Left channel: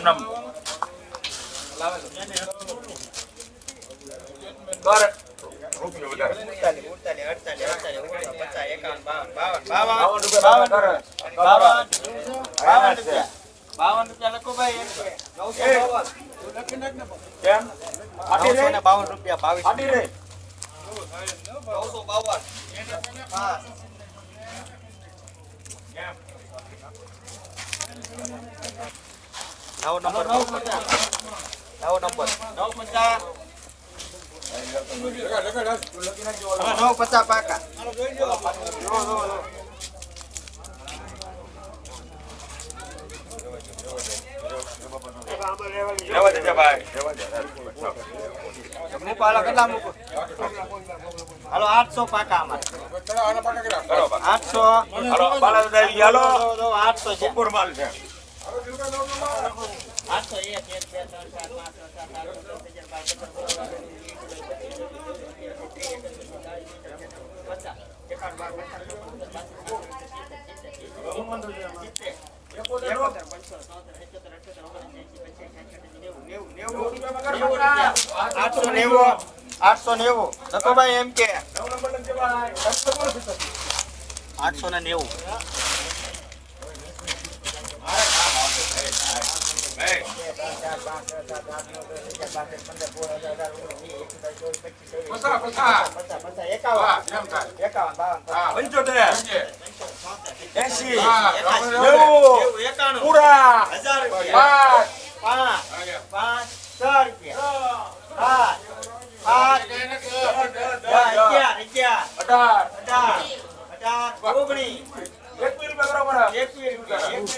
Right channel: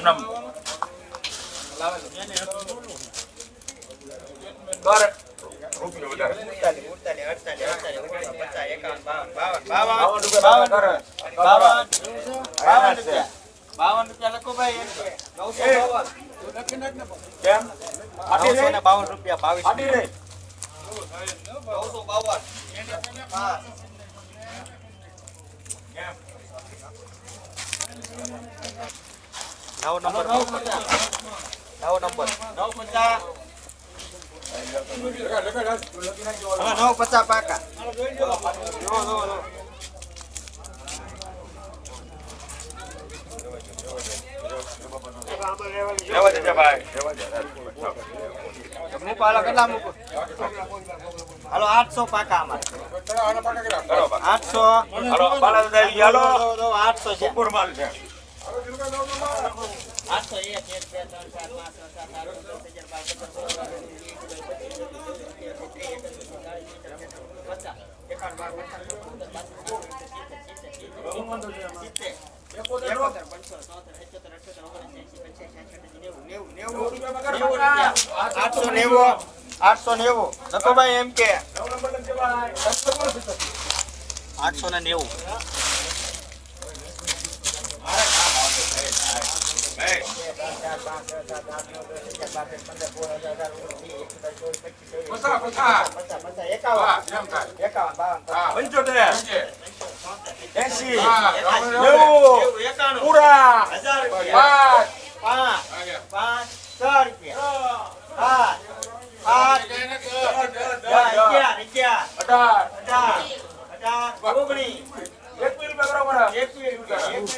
હમણાં બાવન રૂપિયા લખો ભાઈ બાવન. રૂપિયા બાવીસ. નવસો બાવન. નવ નંબર. નવ નંબર. પચાસ. હાલો આઠસો પાકા આઠસો. હાલો આઠસો સુપુર માલ છે. આઠસો નેવું. આઠસો નેવું. નકોભાઈ એમ કે આઠસો ને નેવું. એસી નેવું પૂરા પાંચ એક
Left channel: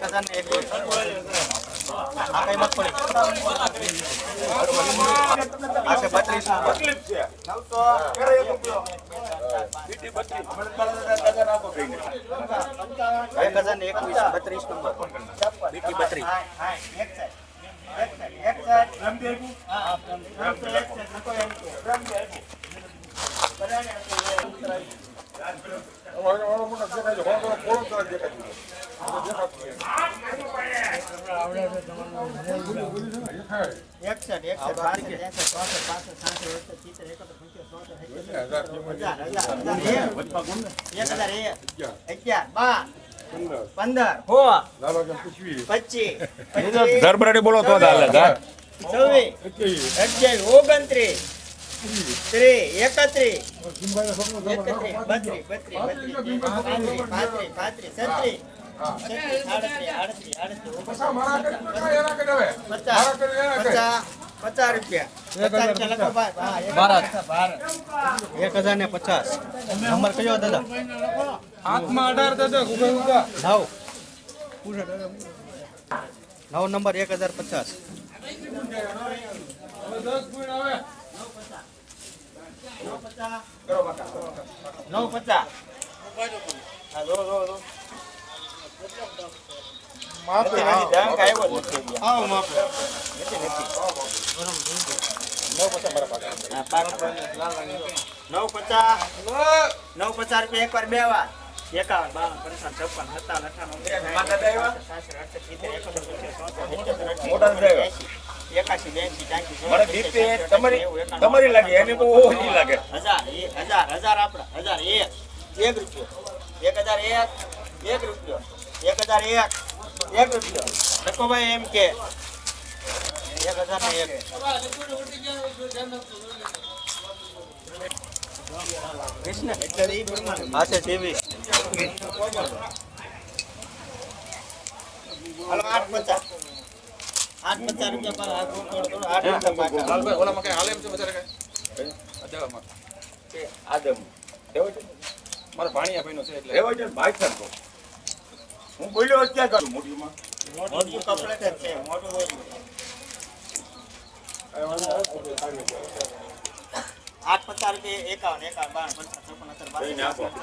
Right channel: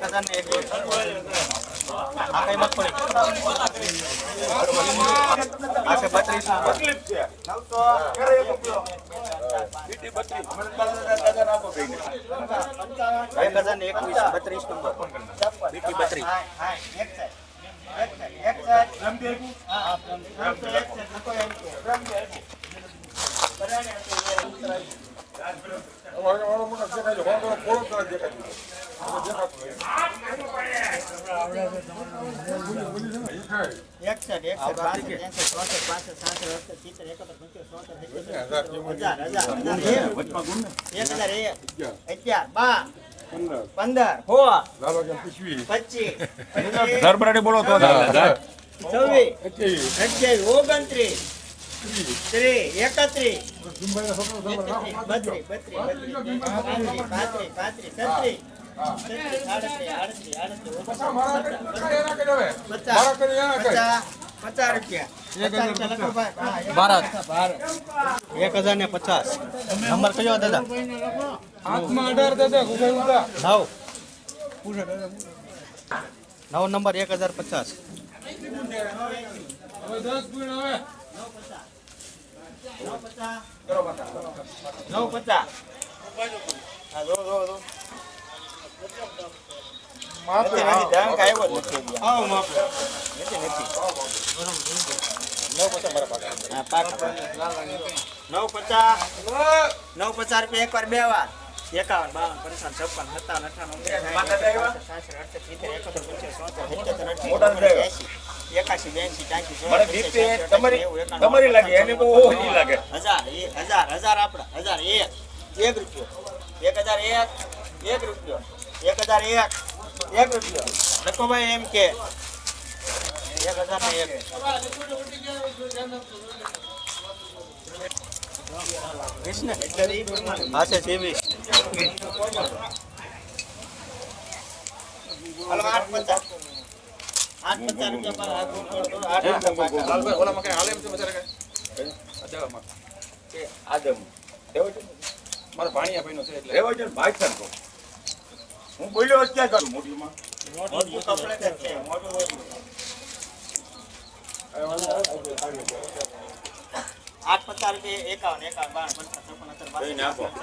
હજાર એકવીસ બત્રીસ નંબર બત્રીસ ધરબરાડી બોલો તો ઓગણત્રીસ એકત્રીસ છત્રીસ આડત્રીસ આડત્રીસ આડત્રીસ પચાસ રૂપિયા. એક હજાર ને પચાસ. નંબર કયો દાદા? નવ. નંબર એક હજાર પચાસ. આવ્યો નવ પચાસ નવ પચાસ રૂપિયા એક વાર બે વાર એકાવન તમારી લાગે એને તો ઓછી લાગે હજાર હજાર હજાર આપણા હજાર એક એક રૂપિયો એક હજાર એક એક રૂપિયો એક હજાર એક એક રૂપિયો એમ કે મારા ભાણિયા ભાઈનો છે એટલે. રેવાજો ભાગ કરતો હું બોલ્યો ક્યાં કરું મોટીમાં મોટું કપડે મોટું આઠ પચાસ રૂપિયા એકાવન એકાવન બાર પચાસ સત્તર બાસઠ કઈ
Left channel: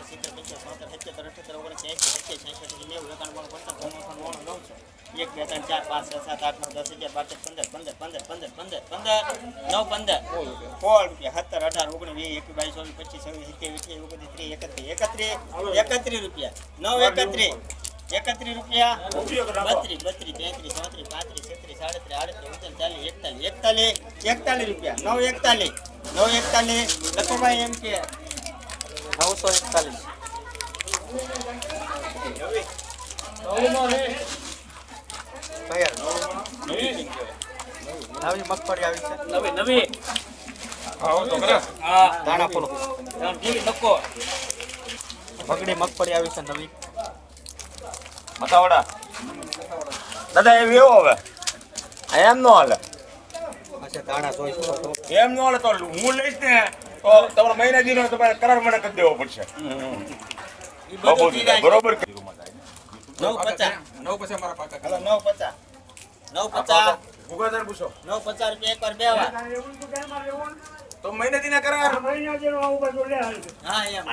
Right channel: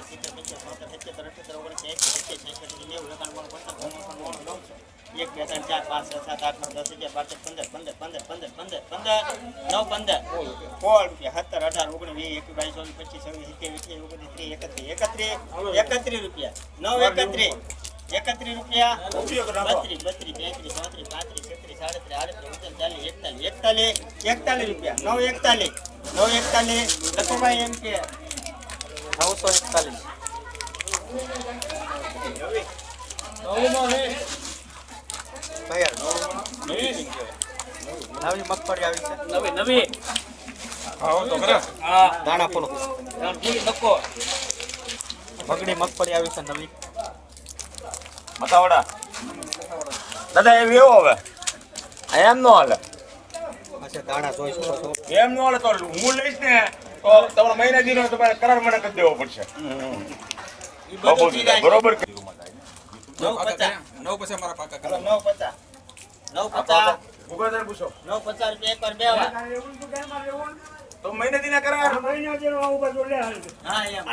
સિત્તેર, સત્તર. એક બે ત્રણ ચાર પાંચ સાત આઠ નવ દસ બાર પંદર પંદર પંદર પંદર પંદર પંદર નવ પંદર સોળ સત્તર અઢાર ઓગણીસ વીસ એકવીસ બાવીસ પચીસ છવ્વીસ સત્યાવીસ અઠ્યાવીસ ઓગણીસ ત્રીસ એકત્રીસ એકત્રીસ એકત્રીસ રૂપિયા નવ એકત્રીસ એકત્રીસ રૂપિયા બત્રીસ બત્રીસ તેત્રીસ ચોત્રીસ પાંત્રીસ એકતાલીસ એકતાલીસ રૂપિયા. નવ એકતાલીસ. નવ એકતાલીસ. લખોભાઈ એમ કે. નવસો એકતાલીસ. નવી મગફળી આવી છે. નવી નવી. પગડી મગફળી આવી છે નવી. મતાવડા. દાદા એ વ્યવો હવે. આ એમ નો હાલે. એમ નો તો હું લઈશ ને તો તમારો મહિના દીનો તમારે કરાર મને કરી દેવો પડશે. બરોબર નવ પચાસ. નવ પછી મારા પાકા. નવ પચાસ. નવ પચાસ. ઉગાદાર પૂછો. નવ પચાસ રૂપિયા એક વાર તો મહિના દીના કરાર? હા એમ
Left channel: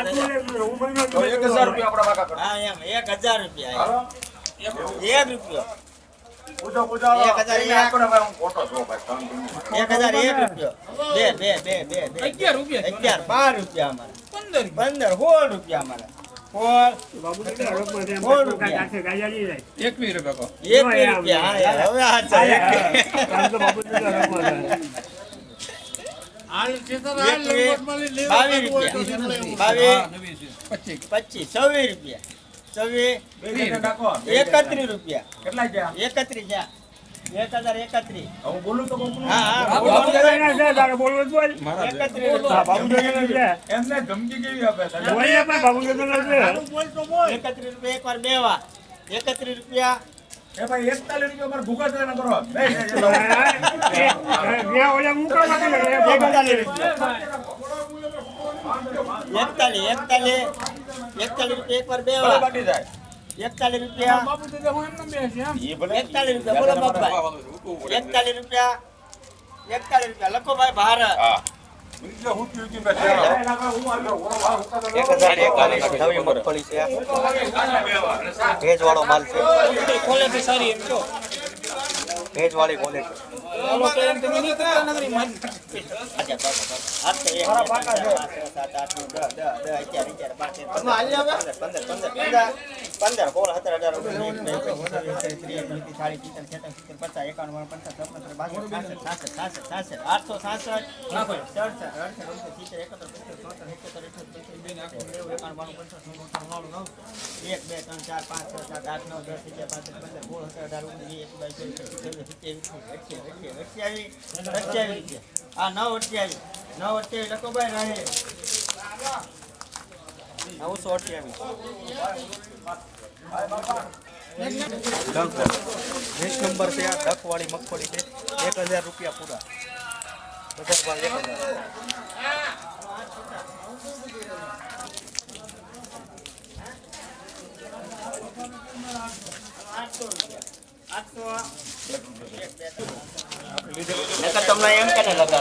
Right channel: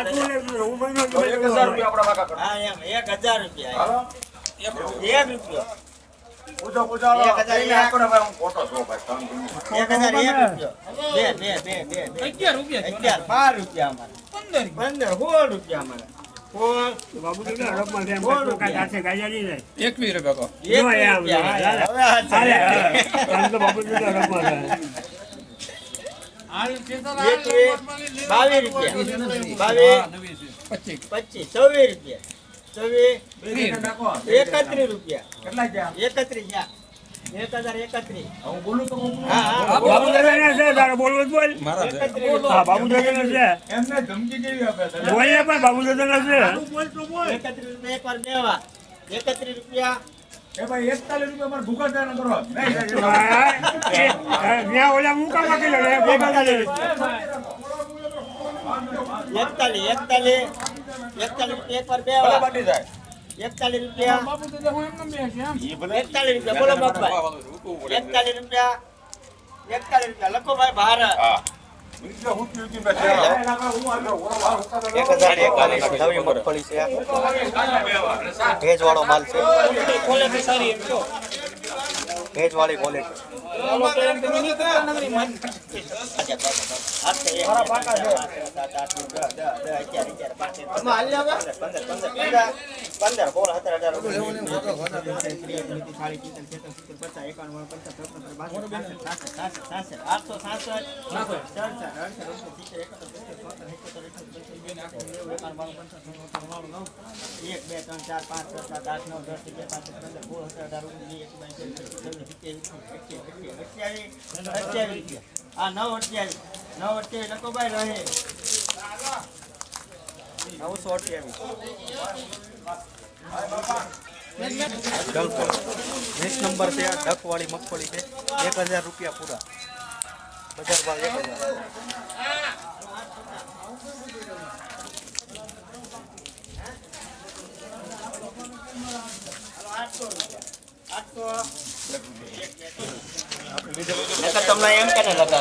તો એક હજાર રૂપિયા આપણા પાકા હા એમ એક રૂપિયા હાલો. એક રૂપિયો. પૂછો પૂછો. એક હજાર એમને એક. ભાઈ હું ખોટો છું ભાઈ. ત્રણ કિલો. એક હજાર એક રૂપિયો. બે બે બે બે બે અગિયાર રૂપિયા અગિયાર બાર રૂપિયા અમારે. પંદર પંદર સોળ રૂપિયા અમારે. સોળ સોળ રૂપિયા. એકવીસ રૂપિયા કહો. એક રૂપિયા હા, હા, હવે આ ચાલે. એકવીસ, બાવીસ રૂપિયા. બાવીસ પચીસ છવ્વીસ રૂપિયા. છવ્વીસ એકત્રીસ રૂપિયા. એકત્રીસ એક હજાર એકત્રીસ. હું બોલું તો હું હા. હા બોલો. મારા છે. એકત્રીસ એમને ધમકી કેવી આપે એકત્રીસ રૂપિયા એક વાર બેવા. એકત્રીસ રૂપિયા. એ ભાઈ એકતાલીસ રૂપિયા મારે ભૂખા થયા કરો બે નહીં, એકતાલીસ. રૂપિયા એકતાલીસ એકતાલીસ એકતાલીસ રૂપિયા એક વાર બે વાર એકતાલીસ રૂપિયા. એકતાલીસ રૂપિયા બોલો બાપભાઈ. એકતાલીસ રૂપિયા એકતાલીસ રૂપિયા. લખો ભાઈ ભારત ભેજ વાળો માલ છે. ભેજ વાળી ક્વોલિટી એક બે ત્રણ ચાર પાંચ છ સાત આઠ નવ દસ અગિયાર પાંચ પંદર સોળ સત્તર અઢાર ઓગણીસ વીસ એકવીસ નવસો અઠ્યાવીસ વીસ નંબર છે આ ડકવાળી મગફળી છે. એક હજાર રૂપિયા પૂરા. બજાર ભાવ એક હજાર. તમને એમ કે નવસો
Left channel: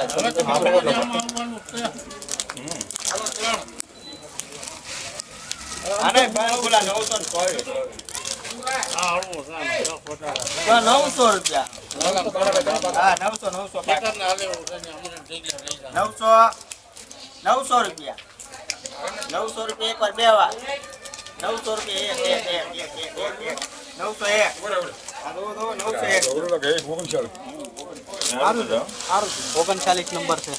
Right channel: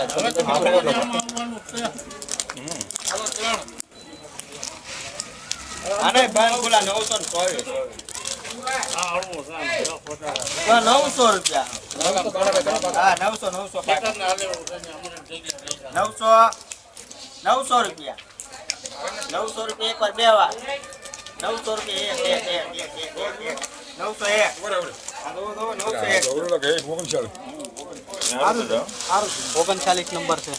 નવસો રૂપિયા નવસો નવસો નવસો નવસો રૂપિયા નવસો રૂપિયા એક. વાર બે વાર નવસો રૂપિયા નવસો એક. નવસો એક. ઓગણચાલીસ નંબર છે?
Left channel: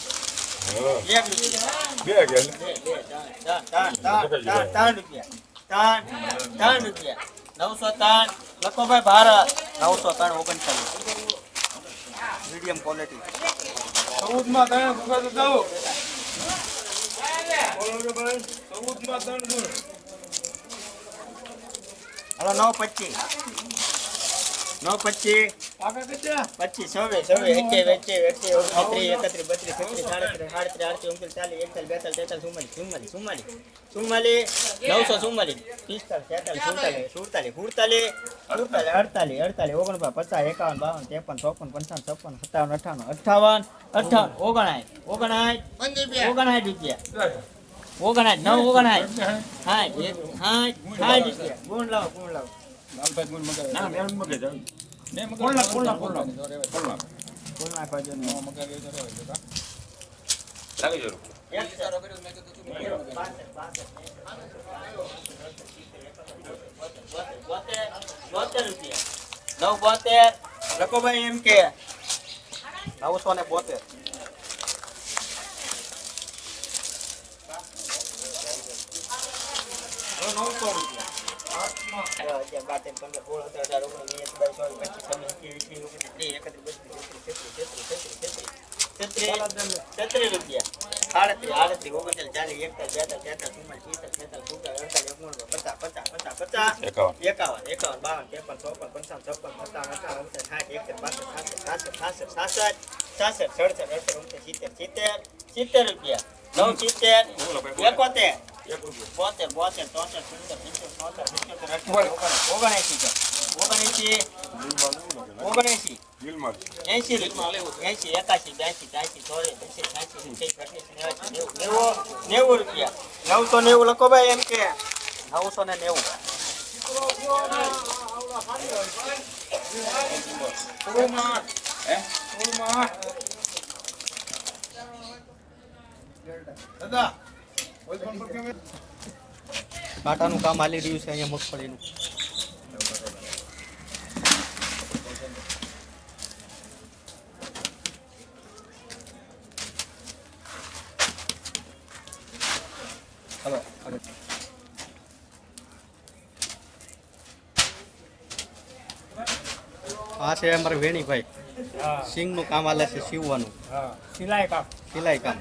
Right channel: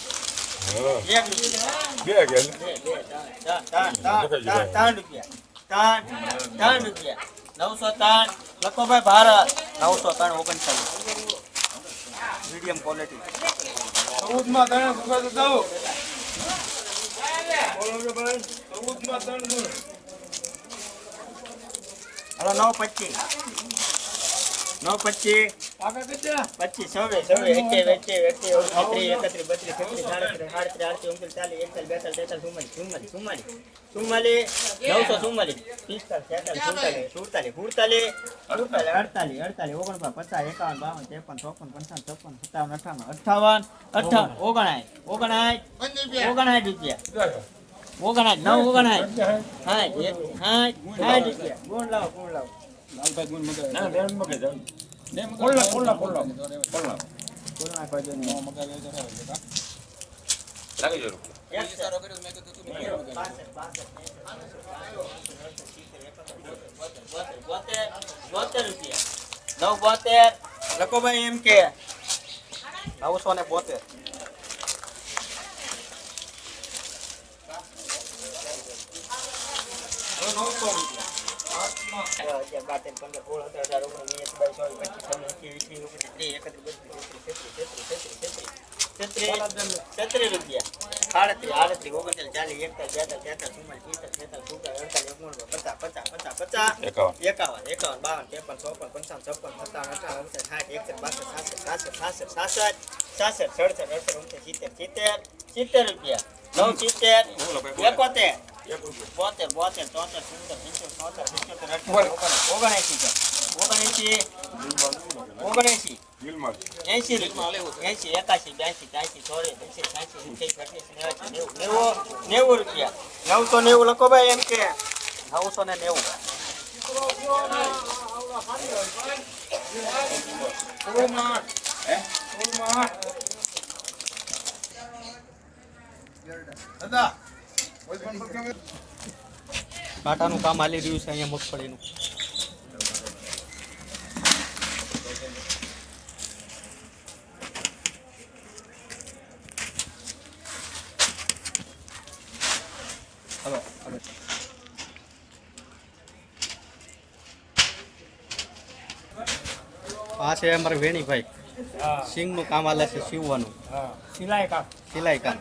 ત્રણ ત્રણ ત્રણ ત્રણ ત્રણ ત્રણ નવસો ત્રણ લખો ભાઈ ભારત નવસો ત્રણ ઓગણચાલીસ મીડિયમ ક્વોલિટી ચૌદમાં તમે ભૂખા તો થાઓ. હલો નવ પચીસ નવ પચીસ પચીસ છવ્વીસ છવ્વીસ ઓગણત્રીસ એકત્રીસ બત્રીસ તેત્રીસ સાડત્રીસ સાડત્રીસ આડત્રીસ ઓગણત્રીસ ચાલીસ એકતાલીસ બેતાલીસ તેતાલીસ ચુમ્માલીસ ચુમ્માલીસ ચુમ્માલીસ નવસો ચુમ્માલીસ પિસ્તાલીસ છેતાલીસ સુડતાલીસ સુડતાલીસ સુડતાલીસ સુડતાલીસ અડતાલીસ અડતાલીસ ઓગણપચાસ પચાસ એકાવન બાવન ત્રેપન ચોપન પંચાવન છપ્પન સત્તાવન અઠાવન અઠાવન અઠાવન ઓગણાય ઓગણાય ઓગણાય રૂપિયા. ઓગણાય નવ હા એક હા હા રૂપિયા. ગુણ લાવો ગુણ લાવો. ના મેં મગે જાવ કોલ્લા કોલ્લા કોલ્લા કોલ્લા ગુણ નાખો જો ને લાગી જરો નવ બોતેર લખો ભાઈ એમ કે નવસો ને બોતેર છત્રીસ રૂપિયા આડત્રીસ આડત્રીસ ઓગણત્રીસ ચાલીસ એકતાલીસ બેતાલીસ તેતાલીસ ચુમ્માલીસ પિસ્તાલીસ છેતાલીસ સુડતાલીસ અડતાલીસ પચાસ પચાસ પચાસ પચાસ એકાવન એકાવન એકાવન બાવન ત્રેપન ચોપન પંચાવન છપ્પન સત્તાવન અઠાવન ઓગણસાઠ સાઠ એકસઠ બાસઠ સાસઠ સાસઠ સાસઠ સાસઠ સડસઠ અડસઠ ઓગણસિત્તેર સિત્તેર સિત્તેર રૂપિયા નવ સિત્તેર એકોતેર બોતેર બોતેર ચોતેર સિત્તેર નેવું રૂપિયા નવસો નેવું લખો ભાઈ એમ કે નવસો ને નેવું કાંટાનું કામ હાલી રહ્યું છે અહીંયા મગફળીનું. હલો આ છે અમારે વેણીભાઈ. હા. સિંગનું કામ હાલે છે સીવવાનું. સિલાઈ કામ. સિલાઈ કામ.